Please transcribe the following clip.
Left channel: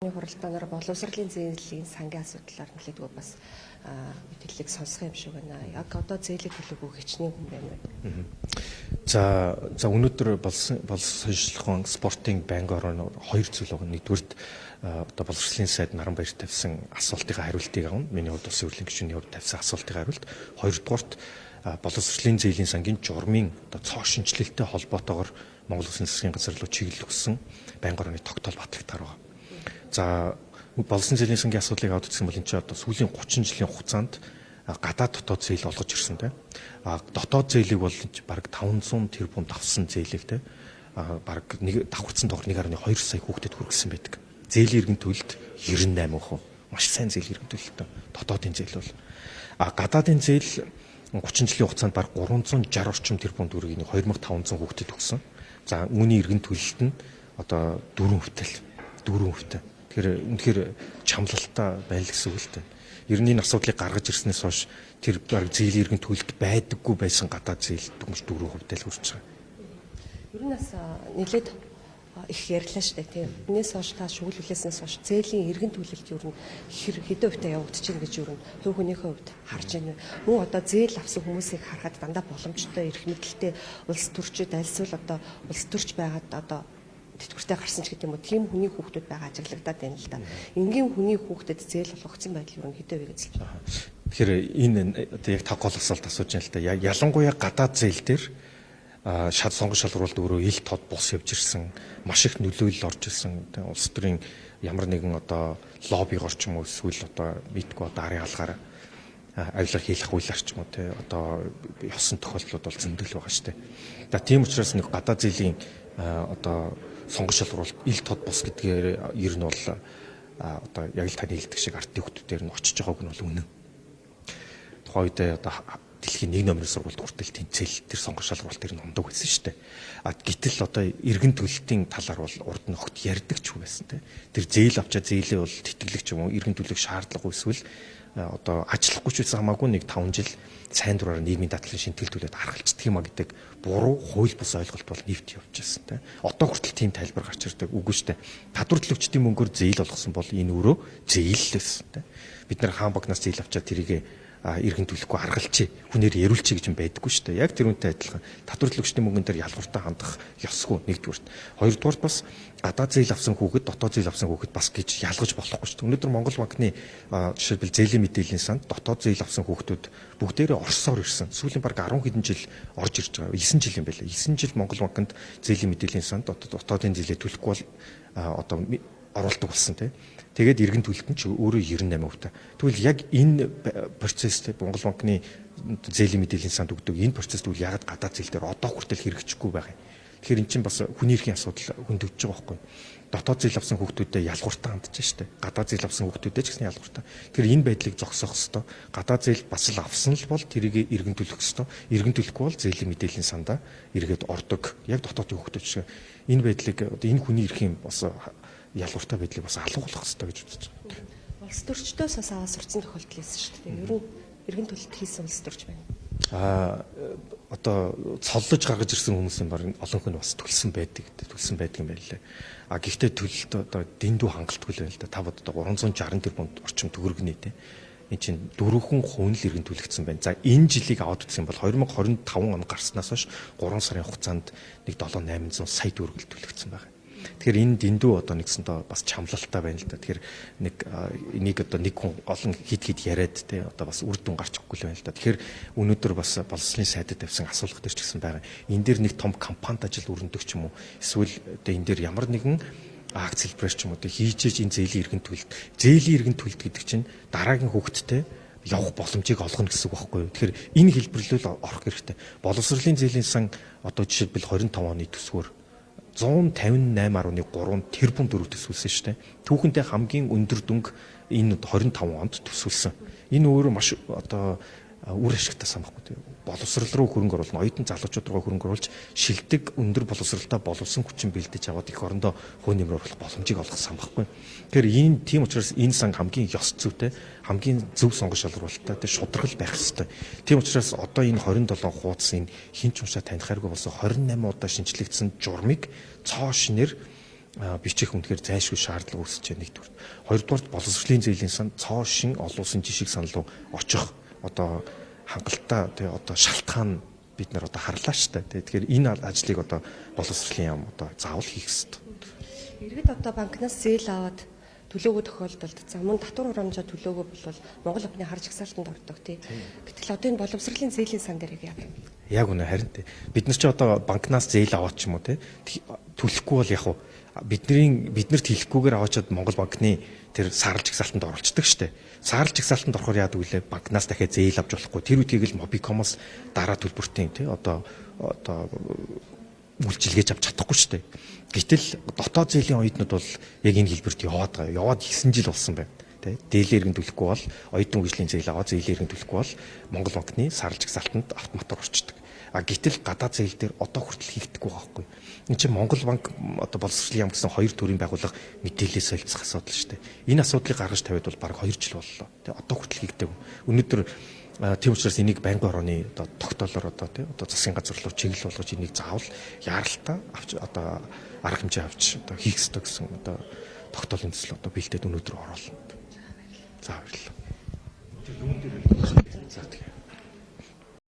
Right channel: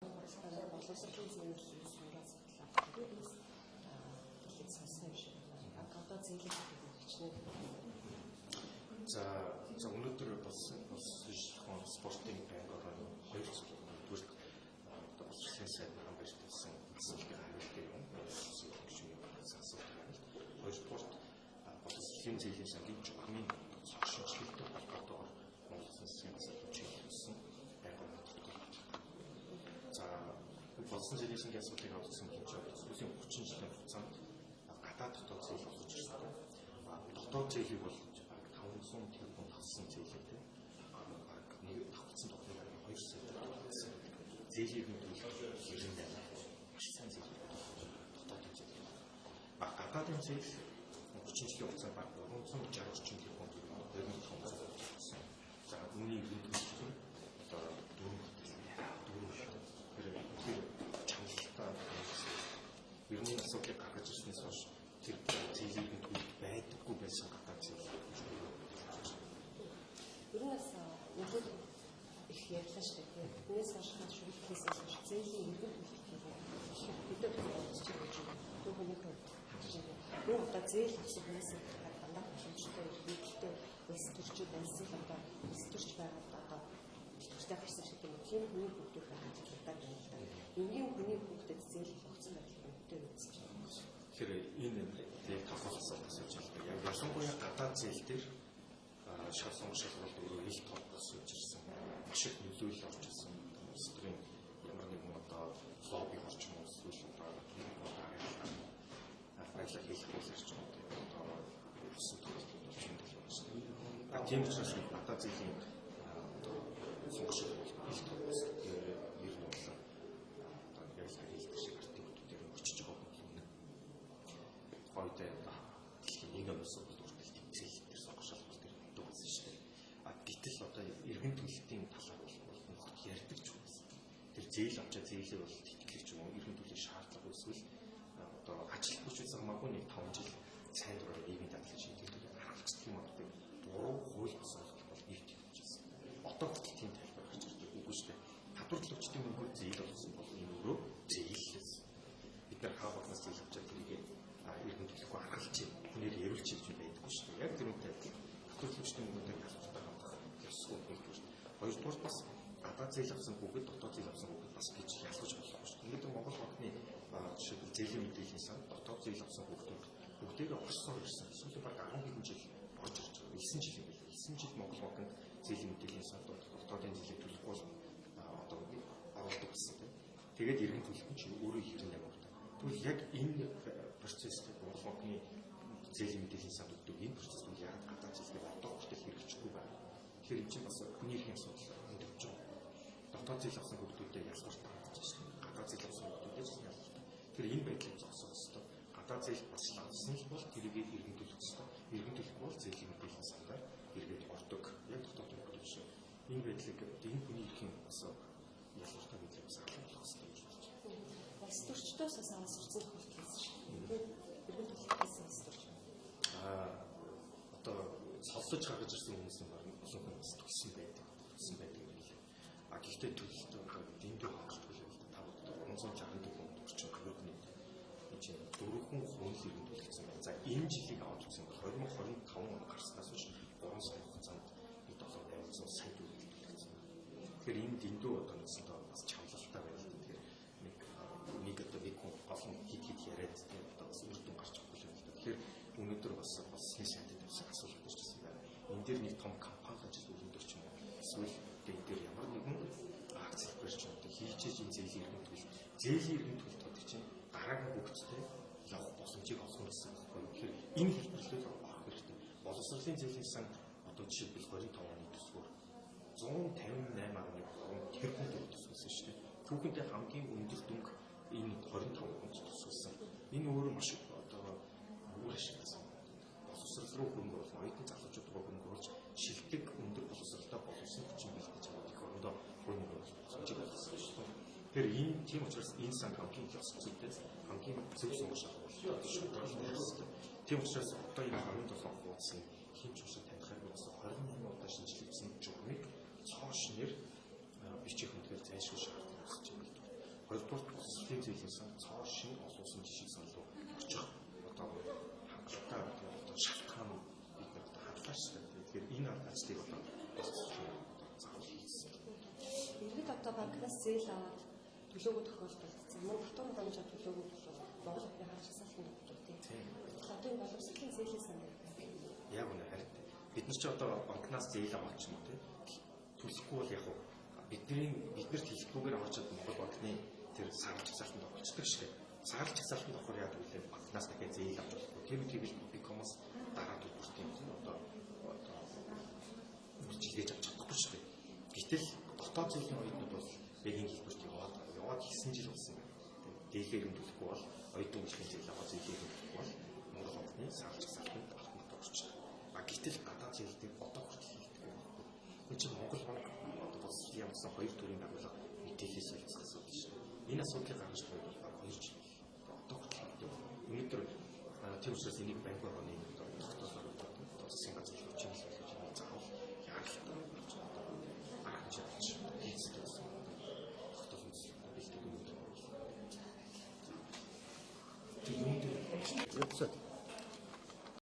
Хуралдаанаар боловсролын зээлийн сангийн асуудлаар нэлээдгүй бас мэдээллийг сонсох юм шиг байна. Яг одоо зээлийн төлөвөө хичнээн хүн байна. За өнөөдөр боловсролын спортын банк орон хоёр зүйл байгаа. Нэгдүгürt одоо боловсролын сайд Наранбаяр тавьсан асуултын хариултыг авна. Миний хувьд улсын хурлын гишүүний хувьд тавьсан асуултын хариулт. Хоёрдугаарт боловсролын зээлийн сангийн журмын одоо цоо шинжилэлтэй холбоотойгоор Монгол Улсын засгийн газар руу чиглэл өгсөн банк орны тогтоол батлагдаар байгаа. За боловсролын зээлийн сангийн асуудлыг аваад үзсэн бол энэ чинь одоо сүүлийн 30 жилийн хугацаанд гадаад дотоод зээл олгож ирсэн те. Дотоод зээлийг бол бараг 500 тэрбум давсан зээлийг те. Бараг нэг давхарцсан доогор 1.2 сая хүүхдэд хүргэсэн байдаг. Зээлийн иргэн төлөлт 98%. Маш сайн зээлийн иргэн төлөлтөө. Дотоодын зээл бол гадаадын зээл 30 жилийн хугацаанд бараг 360 орчим тэрбум төгрөгийг 2500 хүүхдэд өгсөн. За үүний иргэн төлөлт нь одоо 4%. Тэгэхээр үнэхээр чамлалтай байна л гэсэн үг л дээ. Ер нь энэ асуудлыг гаргаж ирснээс хойш тэр зээлийн иргэн төлөлт байдаггүй байсан гадаад зээл дүнж 4% л хүрч байгаа. Ер нь бас нэлээд их ярьлаа шүү дээ тийм. Энээс хойш та шүглүүлээсээс хойш зээлийн иргэн төлөлт ер нь хэдэн хувьтай явагдаж байна гэж ер нь хувь хүнийхээ хувьд харж байна. Мөн одоо зээл авсан хүмүүсийг харахад дандаа боломжтой эрх мэдэлтэй улс төрчид альсвал одоо улс төрч байгаад одоо тэтгэвртэй гарсан ч гэдэг юм уу тийм хүний хүүхдүүд байгаа ажиглагдаад байна л да. Энгийн хүний хүүхдэд зээл олгогдсон байдал ер нь хэдэн вэ гэж хэлж байна. Тэгэхээр энэ одоо яг тав гол асуулт асууж байна л да. Ялангуяа гадаад зээл дээр сонгон шалгуулалт өөрөө ил тод бус явж ирсэн, маш их нөлөөлөл орж ирсэн. Улс төрийн ямар нэгэн одоо лоббигоор ч юм уу эсвэл одоо мэдгүй одоо арын алгаар авилга хийх хуулиар ч юм уу те одоо ёсон тохиолдлууд бол зөндөл байгаа шүү дээ. За тийм учраас нэг гадаад зээлийн одоо сонгон шалгуулалт ил тод бус гэдгээр ер нь бол одоо яг л таны хэлдэг шиг ардын хүмүүсээр нь очиж байгааг нь бол үнэн. Тухайн үед одоо дэлхийн 1 номерын сургуульд хүртэл тэнцэл тэр сонгон шалгуулалт тэр номдог байсан шүү дээ. Гэтэл одоо иргэн төлөлтийн талаар бол урд нь огт ярьдаг ч юм байсан те. Тэр зээл авчаа зээлээ бол тэтгэлэг ч юм уу иргэн төлөх шаардлага эсвэл одоо ажиллахгүй ч байсан хамаагүй нэг 5 жил сайн дураар нийгмийн дадлын шинтгэлтүүлээд харгалцдаг юм а гэдэг буруу хууль бус ойлголт бол нэвт явж байсан те. Одоо хүртэл тийм тайлбар гарч ирдэг үгүй шүү дээ. Татвар төлөгчдийн мөнгөөр зээл олгосон бол энэ өөрөө зээл л байсан те. Бид нар хаан багнаас зээл авчаад тэрийг иргэн төлөхгүй аргалчи хүнээр яриулчи гэж юм байдаггүй шүү дээ. Яг тэр үнтэй адилхан татвар төлөгчдийн мөнгөн дээр ялгууртаа хандах ёсгүй нэгдүгürt. Хоёрдугаарт бас гадаад зээл авсан хүүхэд дотоод зээл авсан хүүхэд бас гэж ялгаж болохгүй шүү дээ. Өнөөдөр Монгол банкны жишээлбэл зээлийн мэдээллийн санд дотоод зээл авсан хүүхдүүд бүгдээрээ Оросоор ирсэн. Сүүлийн бараг 10 хэдэн жил орж ирж байгаа. 9 жил юм байлаа. 9 жил Монгол банкнд зээлийн мэдээллийн санд дотоодын зээлээ төлөхгүй бол одоо оруулдаг болсон тийм. Тэгээд иргэн төлөлт нь ч өөрөө 98%. Тэгвэл яг энэ процесс Монгол банкны зээлийн мэдээллийн санд өгдөг энэ процесс тэгвэл ягаад гадаад зээл дээр одоо хүртэл хэрэгжихгүй байгаа юм. Тэгэхээр эн чинь бас хүний эрхийн асуудал хөндөгдөж байгаа байхгүй юу? Дотоод зээл авсан хүүхдүүдэд ялгууртаа хандж штэ. Гадаад зээл авсан хүүхдүүдэд ч гэсэн ялгууртаа. Тэгэхээр энэ байдлыг зогсоох ёстой. Гадаад зээл бас л авсан л бол тэрийг иргэн төлөх ёстой. Иргэн төлөхгүй бол зээлийн мэдээллийн сандаа эргээд ордог. Яг дотоодын хүүхдүүд шиг энэ байдлыг энэ хүний эрхийн бас ялгууртай байдлыг бас алгуулах хэрэгтэй гэж үзэж байна. Улс төрчдөөс бас аваа сурцсан тохиолдол байсан шүү дээ. Ер нь иргэн төлөлт хийсэн улс төрч байна. Одоо цоллож гаргаж ирсэн хүмүүсийн баг олонх нь бас төлсөн байдаг юм байна лээ. Гэхдээ төлөлт одоо дэндүү хангалтгүй л байна л да. Та боддоо 360 тэрбум орчим төгрөгний те. Энэ чинь 4% л иргэн төлөгдсөн байна. За энэ жилийг аваад үзэх юм бол 2025 он гарснаас хойш 3 сарын хугацаанд нэг 7-800 сая төгрөг төлөгдсөн байна. Тэгэхээр энэ дэндүү одоо нэгсэндээ бас чамлалтай байна л да. Тэгэхээр энийг одоо нэг хүн олон хид яриад те одоо бас үр дүн гарч ирэхгүй л байна л да. Тэгэхээр өнөөдөр бас боловсролын сайдад тавьсан асуулга дээр ч гэсэн байгаа. Энэ дээр нэг том компанид ажил өрнөдөг ч юм уу. Эсвэл одоо энэ дээр ямар нэгэн акц хэлбэрч ч юм уу те хийж энэ зээлийн иргэн төлөлт. Зээлийн иргэн төлөлт гэдэг чинь дараагийн хүүхэдтэй явах боломжийг олгоно гэсэн үг байхгүй юу. Тэгэхээр энэ хэлбэрлэл орох хэрэгтэй. Боловсролын зээлийн сан одоо жишээлбэл 25 оны төсвөр 158.3 тэрбум төгрөг төсвөлсөн шүү дээ. Түүхэнтэй хамгийн өндөр дүнг энэ 25 онд төсвөлсөн. Энэ өөрөө маш одоо үр ашигтай сан баггүй. Боловсрол руу хөрөнгө оруулна, оюутан залуучууд руу хөрөнгө оруулж шилдэг өндөр боловсролтой боловсон хүчин бэлдэж аваад их орондоо хөө нэмэр оруулах боломжийг олгох сан баггүй. Тэгэхээр тийм учраас энэ сан хамгийн ёс зүйтэй, хамгийн зөв сонгон шалгуулалттай шударгал байх ёстой. Тийм учраас одоо энэ 27 хуудас энэ хин ч уншаа таних хайргүй болсон 28 удаа шинжлэгдсэн журмыг цоо шинээр бичих үнэхээр зайлшгүй шаардлага үүсэж байна нэгдүгээр. Хоёрдугаар боловсролын зээлийн сан цоо шин олон улсын жишг сан руу очих одоо хангалттай тий одоо шалтгаан бид нар одоо харлаа шүү дээ. Тэгэхээр энэ ажлыг одоо боловсролын яам одоо заавал хийх хэрэгтэй. Иргэд одоо банкнаас зээл аваад төлөөгөө тохиолдолд за мөн татвар хурамжаа төлөөгөө бол Монгол банкны харж агсаалтанд ордог тий. Гэтэл одоо энэ боловсролын зээлийн сан дээр яг юм. Яг үнэ харин тий. Бид нар ч одоо банкнаас зээл аваад ч юм уу тий төлөхгүй бол яг бид нарт хэлэхгүйгээр аваачаад Монгол банкны тэр саарл жагсаалтанд оруулцдаг штэ. Саарл жагсаалтанд орохоор яадаг вүлээ банкнаас дахиад зээл авч болохгүй. Тэр үедийг л Mobicom-оос дараа төлбөртийн тий одоо үйлчилгээж авч чадахгүй штэ. Гэтэл дотоод зээлийн оюутнууд бол яг энэ хэлбэрт яваад байгаа. Яваад 9 жил болсон байна. Тэ дээлээ иргэн төлөхгүй бол оюутан хөгжлийн зээл аваад зээлийн иргэн төлөхгүй бол Монгол банкны саарл жагсаалтанд автоматар орчдөг. Гэтэл гадаад зээл дээр одоо хүртэл хийгдэхгүй байгаа байхгүй. Энд чинь Монгол банк одоо боловсролын яам гэсэн хоёр төрлийн байгууллага мэдээлэл солилцох асуудал шүү дээ. Энэ асуудлыг гаргаж тавиад бол бараг 2 жил боллоо. Тэ одоо хүртэл хийгдээгүй. Өнөөдөр тийм учраас энийг байнгын орооны одоо тогтоолоор одоо засгийн газар руу чиглэл болгож энийг заавал яаралтай авч одоо арга хэмжээ авч одоо хийх ёстой гэсэн одоо тогтоолын төсөл одоо бэлдээд өнөөдөр оруулна. За баярлалаа.